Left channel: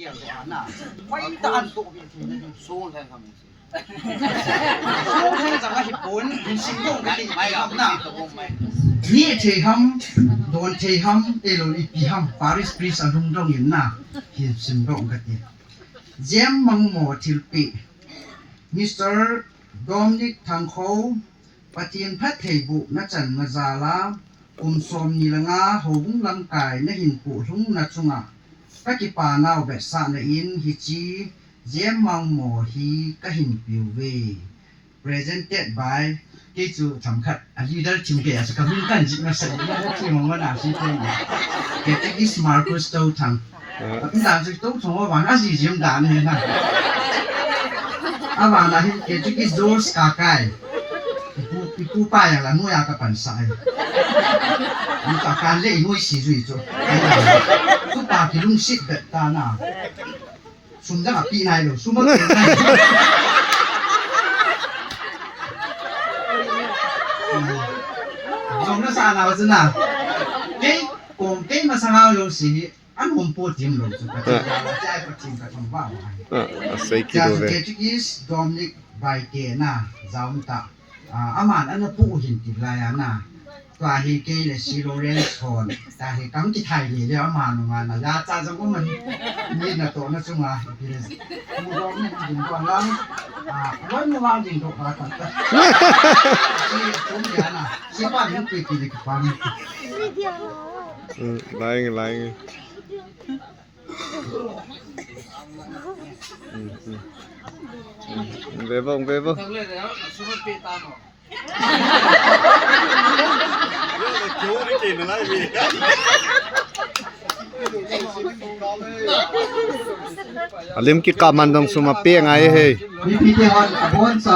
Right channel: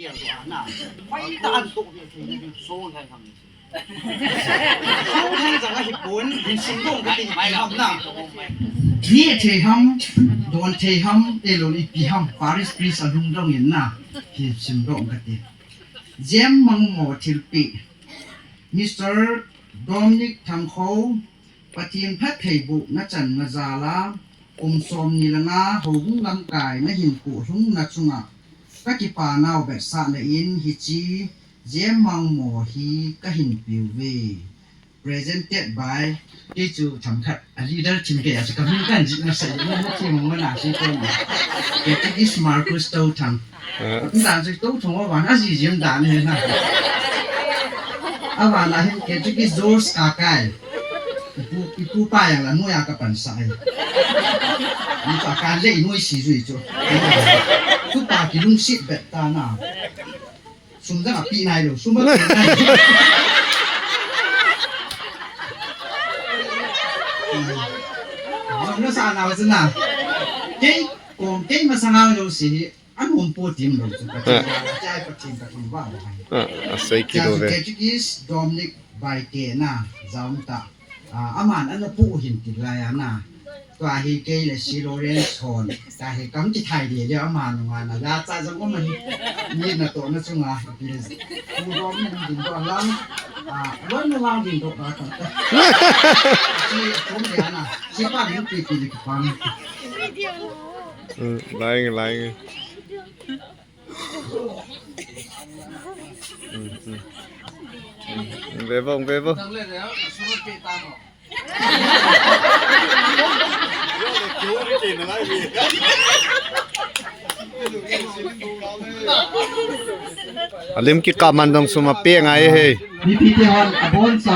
กี่ยวตัวน่ะไว้ตานตัวเพียงทีนึงสู้กันคำนี้สู้แทงจังก็ญี่ปุ่นเป็นสิ่งที่กันติไม่ครับน่ะนี่เทหัมโดนเทหัมเอโลลิปีหัมปาริสกรีสรุ่งรุ่งยินน่ะที่สิ่งที่กันติเจมมังโมทิลปีมิสเตอร์โดมินิกทังโคปฏิญพัฒเทบุนัจันมาซาลาสมนิลงาหงลังกายนหินปุทุงนัจุงะกะกิปานาวเบสาเนอินฮิจีเจมมังโมฮีกะหินปิวเว presented by ที่จูทำขัดอันนี้ได้ชิมเกียรติกับมิกันจิมาใส่ในที่มังวนาชิคนเกียรติกิสมาร์คุสโตทำด่านจิโตทงว่าวันอาจิมด่านเลยนะอาวันนั้นเกียรติกิสโจสกากายipu pa ya la moya ka pansai ni ka kan le moi si zui zo ku pa ki lung sit bet ta na sum da pi nai lo sum ba jong na sa na wa zna ke kom te ma sa nga lo si an hom po tim lo zo ka ja ka tim ka tim ba sei ki do ve ke is Dominic by ke na zaum ta aman an pu hin ti la ya na twa hi ke le si lo ren chon ta hi kam ti thai de le aman ma na ya cha jang ko man ni na to na chunga pi pu ro ni din ko lang wan no wa din to ba ta si chum ya na si pa ni pi pi ki pa lying Bebong tang le ya su ro pi ta mo alim ki kaman dong suma pe ngai he ni pi te on abon sa